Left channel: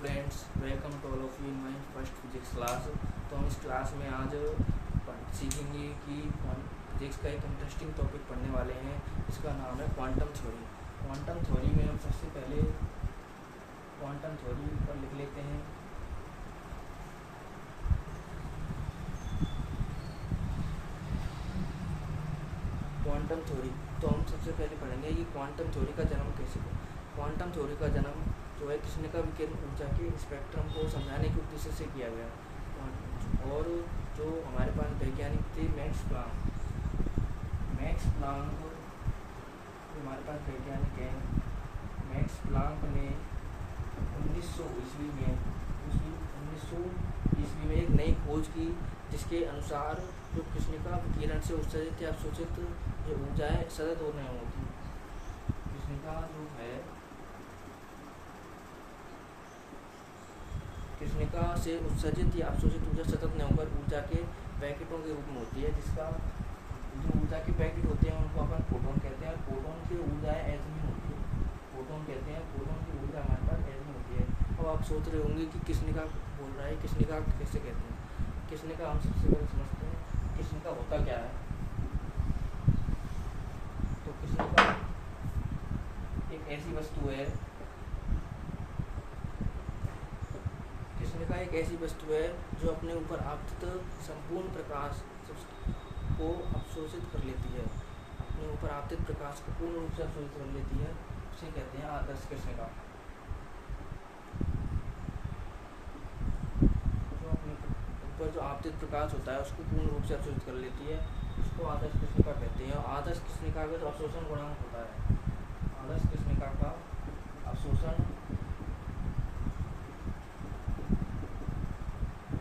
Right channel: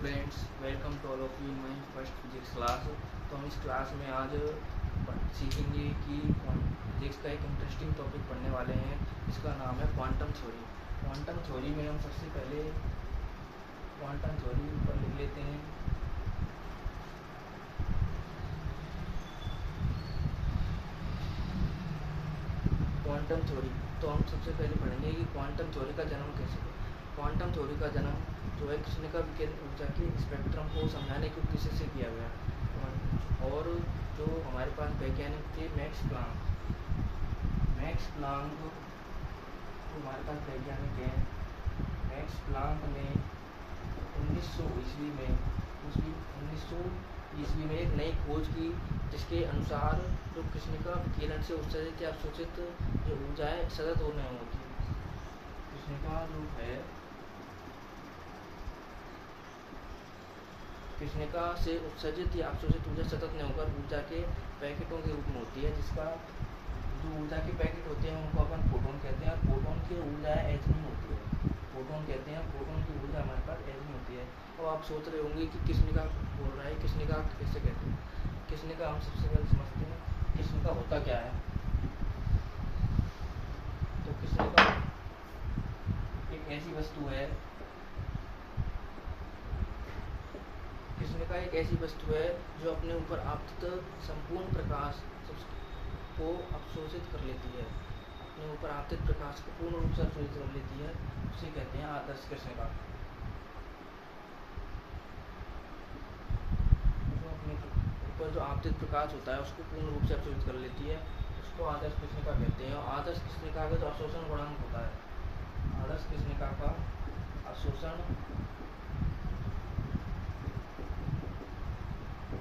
Friends, welcome to all of you in my first physics class. तो हम इस class में आज सीखेंगे कि फिजिक्स का एक इंटरेस्टिंग टॉपिक पढ़ने वाले हैं। इसका नाम है क्वांटम थ्योरी। क्वांटम थ्योरी में हम सबसे पहले क्वांटम थ्योरी पर लिख लेते हैं। क्वांटम थ्योरी तो हम सबसे पहले पढ़ेंगे कि क्वांटम थ्योरी का जन्म कैसे हुआ। क्वांटम थ्योरी का जन्म जो है कृष्णिका विकिरण ऊर्जा के स्पेक्ट्रम को समझाने के उद्देश्य से किया गया। और जो हमारे पास वैज्ञानिक थे मैक्स प्लांक हमारे पास वैज्ञानिक हैं। मैक्स प्लांक ने 1900 ईस्वी में एक नई खोज की, जिसके अनुसार जो कृष्णिका विकिरण से उत्सर्जित या अवशोषित जो ऊर्जाएँ सतत और नहीं होती। कृष्णिका जो है कृष्णिका से उत्सर्जित या अवशोषित ऊर्जा सतत नहीं होकर ऊर्जा के पैकेटों के रूप में होती है, जिसका जो ऊर्जा के पैकेट होते हैं उनको अपन फोटोन कहते हैं। फोटोन की ऊर्जाएँ एटमी होती है, फोटोन कहते हैं। फोटोन की ऊर्जा हमारे पास एटमी होती है। अब आप सोच रहे होंगे कि कृष्णिका बोल रहा है, कृष्णिका कैसे कहते हैं। कृष्णिका हम सबसे पहले समझते हैं कृष्णिका होता क्या है। तो कृष्णिका एक ऐसी वस्तु है कृष्णिका एक ऐसी वस्तु है जो अपने ऊपर आपतित संपूर्ण प्रकाश को अवशोषित कर लेती है। अपने ऊपर आपतित प्रकाश को पूर्ण रूप से अवशोषित कर लेती है, उसे कहते हैं आदर्श कृष्णिका। जो अपने ऊपर जो आपतित प्रकाश होता है उसको पूर्ण रूप से अवशोषित कर लेती है, उसको आदर्श कृष्णिका कहते हैं। और आदर्श कृष्णिका का जो अवशोषण गुणांक होता है, आदर्श कृष्णिका का अवशोषण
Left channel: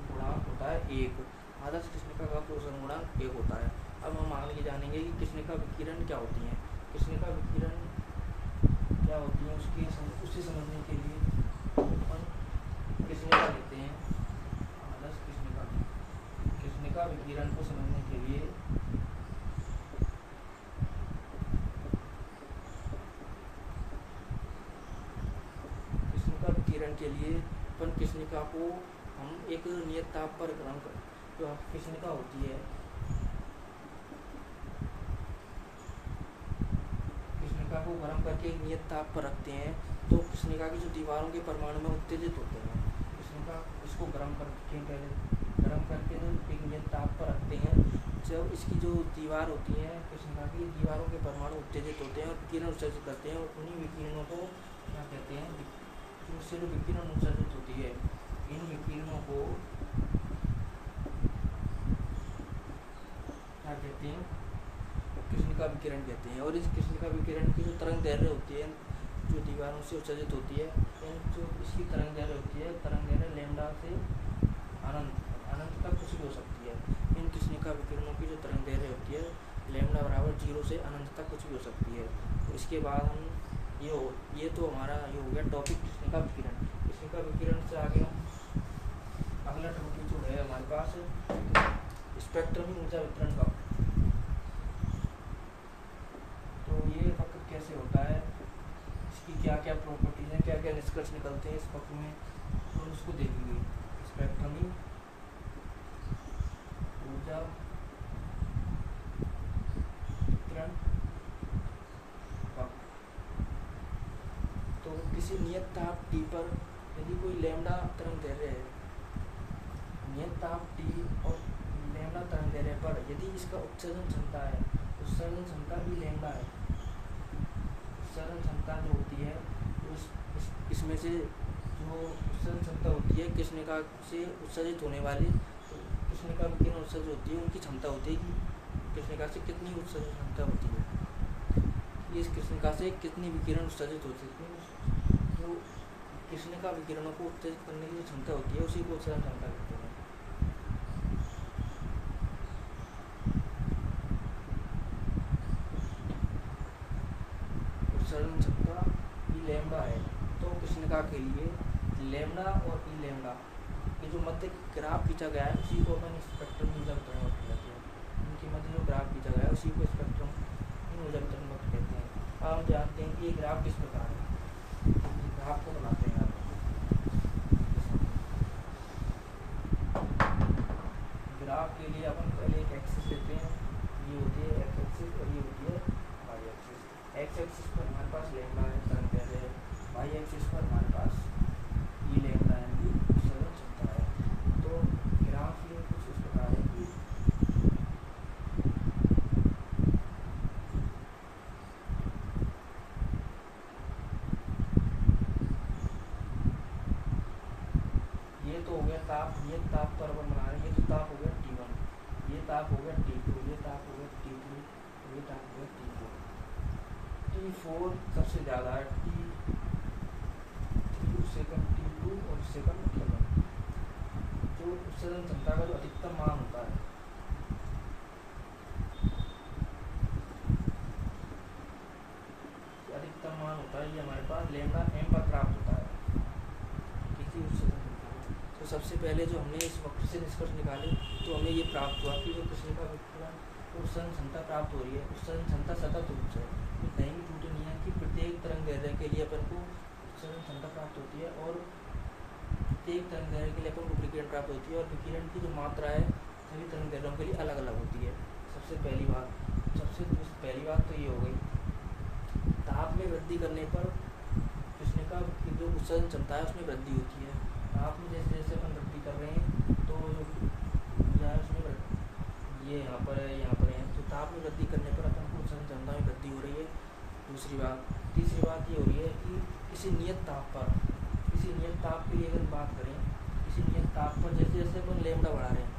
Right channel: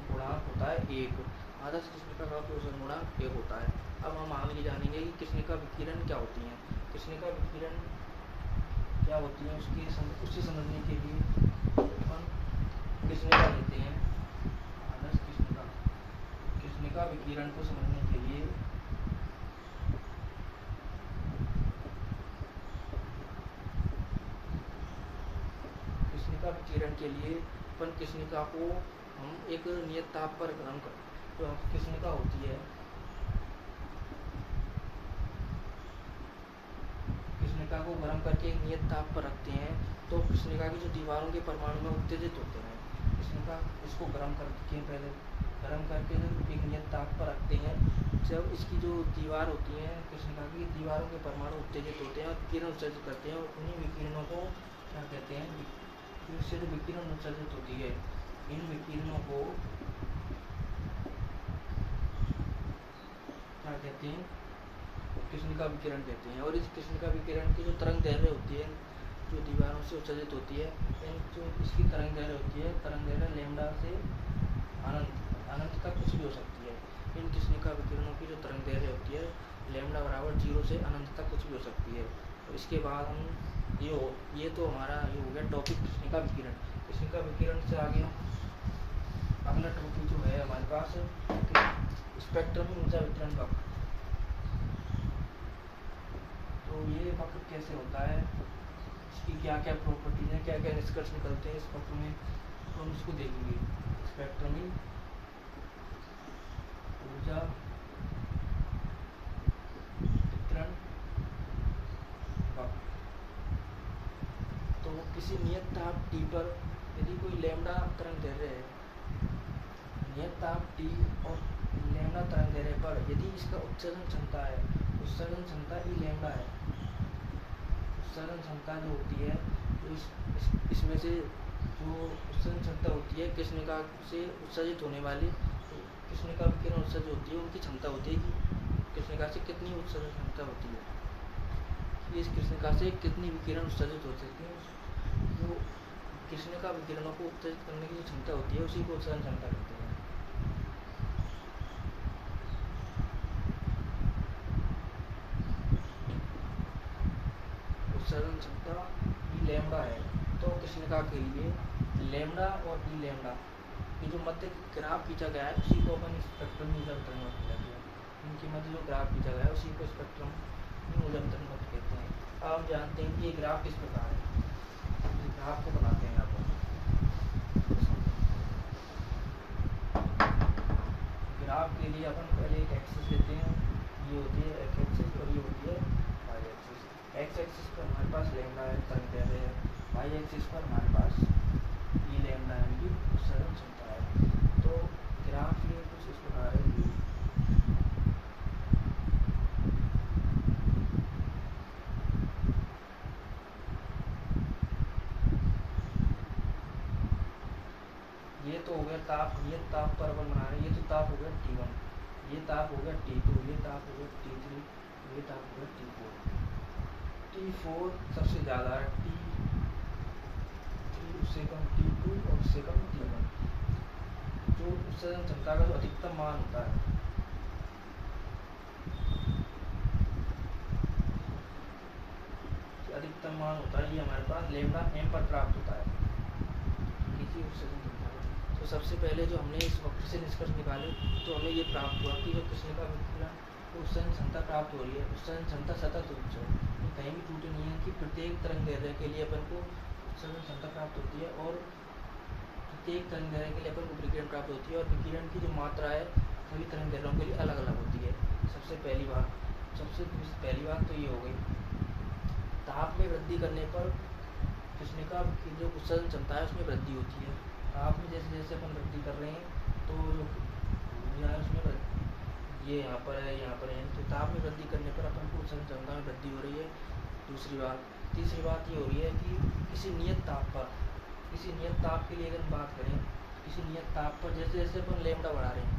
गुणांक होता है 1। आदर्श कृष्णिका का अवशोषण गुणांक 1 होता है। अब हम आगे जानेंगे कि कृष्णिका विकिरण क्या होती है। कृष्णिका विकिरण क्या होती है उसे समझने के लिए अपन कृष्णिका लेते हैं। आदर्श कृष्णिका विकिरण को समझने के लिए अपन कृष्णिका को हम एक नियत ताप पर गर्म कर तो कृष्णिका होती है, कृष्णिका को गर्म करके नियत ताप पर रखते हैं तो कृष्णिका की जो दीवारों के परमाणु में उत्तेजित होते हैं। कृष्णिका इसको गर्म करके एक नियत ताप पर रखते हैं। जब इसकी जो दीवार होती है कृष्णिका की दीवारों के परमाणु उत्तेजित होते हैं, विकिरण उत्सर्जित करते हैं। उन्हीं विकिरणों को क्या कहते हैं, जिनसे जो विकिरण उत्सर्जित होती है, इन विकिरणों को क्या कहते हैं, कृष्णिका विकिरण कहते हैं। और इस कृष्णिका विकिरण की जो तरंग दैर्घ्य होती है, जो दीवारों से उत्सर्जित होती है, जो इसकी तरंग दैर्घ्य होती है, तरंग दैर्घ्य लैम्डा से अनंत तक कुछ भी हो सकती है। इन कृष्णिका विकिरणों की जो तरंग दैर्घ्य होती है लैम्डा बराबर 0 से अनंत तक कुछ भी हो सकती है। तो इसके बाद हम ये तो हमारा ये हो गया टॉपिक कृष्णिका विकिरण। कृष्णिका विकिरण से आगे अगला टॉपिक जो है हमारे पास स्पेक्ट्रमी ऊर्जा वितरण वक्र। तो ये वक्र कैसे होता है, इसकी क्या क्या प्रॉपर्टीज हैं, क्या क्या निष्कर्ष निकलते हैं इस वक्र में, तो हम उसको देखेंगे। स्पेक्ट्रमी ऊर्जा वितरण वक्र। तो किसी नियत ताप T पर यदि कोई लैम्डा तरंग दैर्घ्य है, नियत ताप T और लैम्डा तरंग दैर्घ्य पर यदि इसका उत्सर्जन क्षमता है, उत्सर्जन क्षमता भी लैम्डा है, उत्सर्जन क्षमता जो होती है तो इसमें से जो उत्सर्जन क्षमता होती है कृष्णिका से उत्सर्जित होने वाली, तो कृष्णिका विकिरण उत्सर्जित होती है, उनकी क्षमता होती है कि कृष्णिका से कितनी उत्सर्जन क्षमता होती है, इस कृष्णिका से कितनी विकिरण उत्सर्जित होती है। जो कृष्णिका विकिरणों को उत्सर्जित करने की क्षमता होती है उसी को उत्सर्जन क्षमता कहते हैं। उत्सर्जन क्षमता ई लैम्डा है। तो कृष्णिका के लिए लैम्डा और ई लैम्डा ये जो मध्य ग्राफ खींचा गया है उसी को अपन स्पेक्ट्रम ऊर्जा वितरण वक्र कहते हैं। इनके मध्य जो ग्राफ खींचा गया है उसी को स्पेक्ट्रम ऊर्जा वितरण वक्र कहते हैं। अब हम जानते हैं कि ये ग्राफ किस प्रकार है। ग्राफ को बनाते हैं आप। ताप के लिए अपन पहले एक एक्सिस लेते हैं, ये होती है एक्स एक्सिस और ये होती है वाई एक्सिस। एक्स एक्सिस पर हमारे पास लैम्डा एन तरंग दैर्ध्य है, वाई एक्सिस पर हमारे पास ई लैम्डा एन की उत्सर्जन क्षमता है। तो ग्राफ ये कुछ इस प्रकार है, ये तो हो गया ताप, ये ताप पर अपन बना रहे हैं, ये तो ताप हो गया T1, ये ताप हो गया T2, ये ताप हो गया T3, ये ताप हो गया T4। T4 सबसे ज़्यादा है, T3 उससे कम T2 और उससे कम T1। जो उत्सर्जन क्षमता का जो अधिकतम मान होता है, अधिकतम मान होता है, ये हमारे पास लैम्डा एम पर प्राप्त होता है किसी उत्सर्जन क्षमता का। तो सबसे पहले जो हमने इस वक्र से निष्कर्ष निकाले तो हमें ये प्राप्त हुआ कि जो कृष्णिका विकिरण उत्सर्जन क्षमता प्राप्त हो रही है, उत्सर्जन क्षमता सतत रूप से, कहीं भी त्रुटि नहीं है कि प्रत्येक तरंग दैर्ध्य के लिए अपन को उत्सर्जन क्षमता प्राप्त होती है और प्रत्येक तरंग दैर्ध्य के लिए अपन को विकिरण प्राप्त होती है और विकिरण की जो मात्रा है सभी तरंग दैर्ध्यों के लिए अलग अलग होती है। सबसे पहली बात तो ये हो गई। ताप में वृद्धि करने पर कृष्णिका की जो उत्सर्जन क्षमता है उसमें वृद्धि होती है। ताप में जैसे जैसे अपन वृद्धि कर रहे हैं तो जो उसमें ये यहाँ पर है, तो ताप में वृद्धि करने पर अपन को उत्सर्जन क्षमता में वृद्धि हो रही है। तीसरी बात ये हो रही है कि किसी नियत ताप के लिए अगर बात करें, किसी नियत ताप पर जैसे जैसे अपन लैम्डा बढ़ा रहे हैं,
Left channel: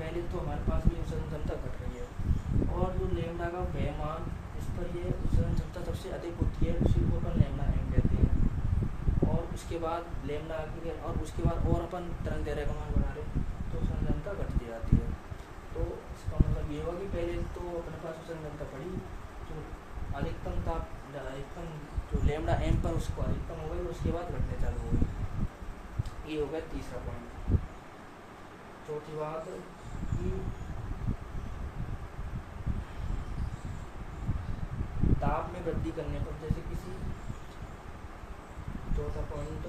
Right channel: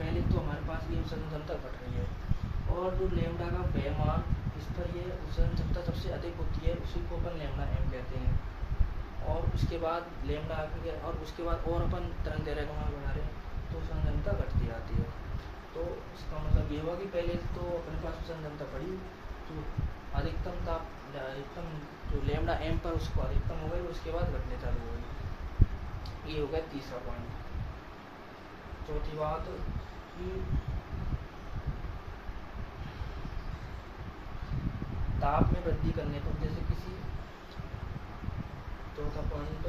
पहले तो हमारे पास ये उत्सर्जन क्षमता घट रही है और जो लैम्डा का वह मान उस पर ये उत्सर्जन क्षमता सबसे अधिक होती है, उसी को अपन लैम्डा एम कहते हैं। और उसके बाद और अपन तरंग दैर्ध्य का मान बढ़ा रहे हैं तो उत्सर्जन क्षमता घटती जाती है। तो इसका मतलब ये हुआ कि पहले तो अपने पास उत्सर्जन क्षमता बढ़ी, जो अधिकतम जो लैम्डा एम पर उसको अधिकतम हो गई और उसके बाद घटने चालू हो गई। ये हो गया तीसरा पॉइंट। चौथी बात कि ताप में वृद्धि करने पर जैसे किसी चौथा पॉइंट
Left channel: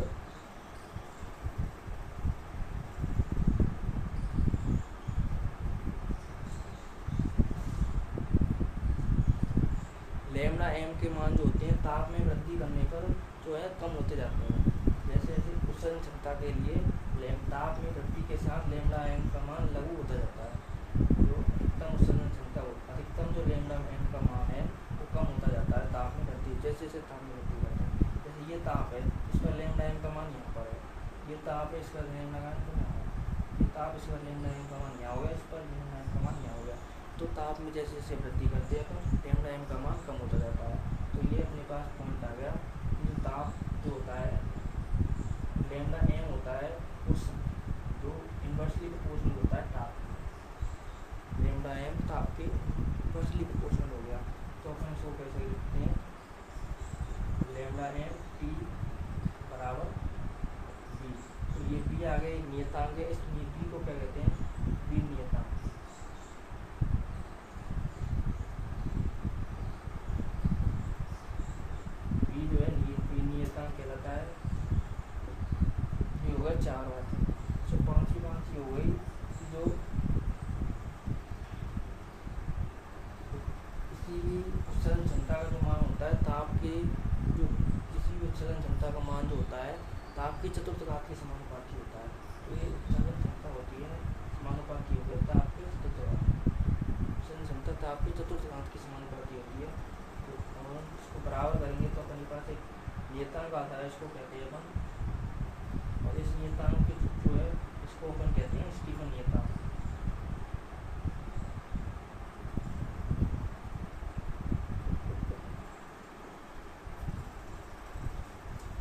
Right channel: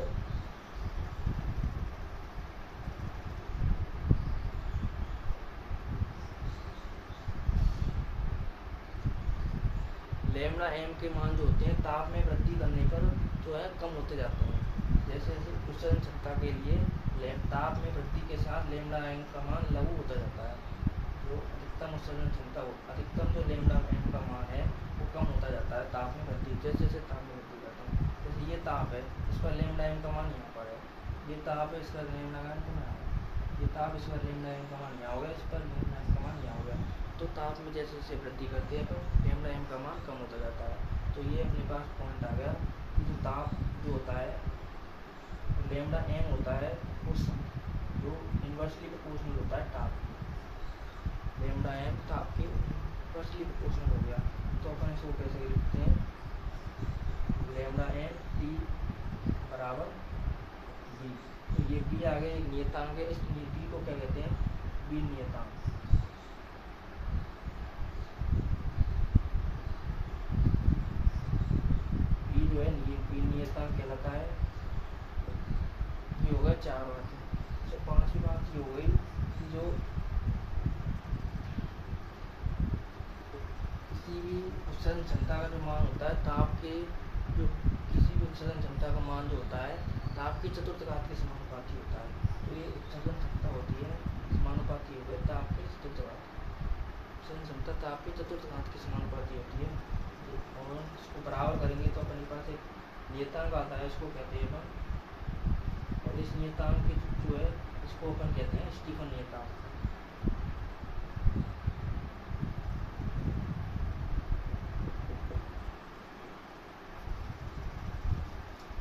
लैम्डा एम के मान जो होते हैं ताप में वृद्धि करने पर जो है कम होते जाते हैं। जैसे जैसे उत्सर्जन क्षमता के लिए ताप में वृद्धि के साथ लैम्डा एम का मान लघु होता जाता है। जो अधिकतम उत्सर्जन क्षमता अधिकतम जो लैम्डा एम का मान है वो कम होता जाता है ताप में वृद्धि, जैसे जैसे ताप में वृद्धि करता है। जैसे ये ताप है, इस पर लैम्डा एम का मान यहाँ पर है, ये ताप है, इसका लैम्डा एम का मान है, ये ताप, इस पर लैम्डा एम का मान यहाँ हो गया, इस पर लैम्डा एम का मान यहाँ हो गया। तो ताप में जैसे जैसे वृद्धि करते हैं तो लैम्डा एम का मान कम होता जाता है। तो ये अपने पास पॉइंट आ गया कि जो ताप जो होता है लैम्डा एम होता है उस जो इन्वर्सली प्रोपोर्शनल होता है ताप, लैम्डा एम ताप के इन्वर्सली प्रोपोर्शनल हो गया। तो अपन इसको कैसे लिखते हैं, लैम्डा एम टी बराबर बी। तो ये बी आ गया एक नियतांक है, इस बी को क्या कहते हैं, बी नियतांक। जो है ये नियतांक कहलाता है। ये होगा 4 बातें। तो 5वीं बात ये हो गई कि जो किसी भी उत्सर्जन क्षमता का जो मान होता है ताप के, जो किसी भी उत्सर्जन क्षमता का मान जो होता है ताप की चतुर्थ घात के समानुपाती होता है। तो ये उत्सर्जन क्षमता होती है समानुपाती हो गई ताप के चतुर्थ घात, उत्सर्जन क्षमता ताप की चतुर्थ घात की समानुपाती होती है। और इसको बराबर करेंगे तो अपने पास एक नियतांक आता है, इसको कहते हैं अपन, और इस नियतांक के जो है इसको अपन कहते हैं स्टीफन नियतांक।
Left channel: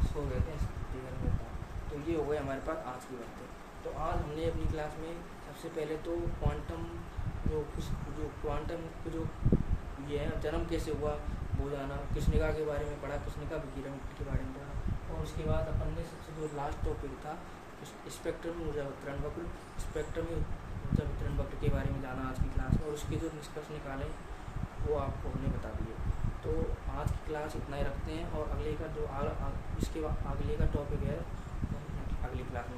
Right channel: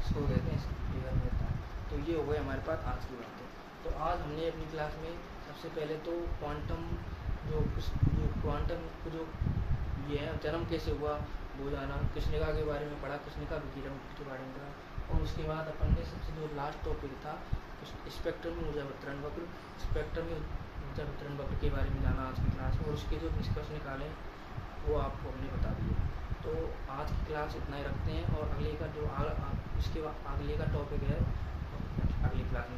इसको कहते हैं स्टीफन नियतांक। तो ये हो गए हमारे पास आज की बातें। तो आज हमने अपनी क्लास में सबसे पहले तो क्वांटम जो ये है जन्म कैसे हुआ वो जाना, कृष्णिका के बारे में पढ़ा, कृष्णिका विकिरण के बारे में पढ़ा, और उसके बाद अपन ने सबसे जो लास्ट टॉपिक था स्पेक्ट्रम ऊर्जा वितरण वक्र, स्पेक्ट्रम ऊर्जा वितरण वक्र के बारे में जाना आज की क्लास में, और उसके जो निष्कर्ष निकाले वो आपको हमने बता दिए। तो आज की क्लास इतना ही रखते हैं और अगले का जो इसके अगले का टॉपिक है अगली क्लास में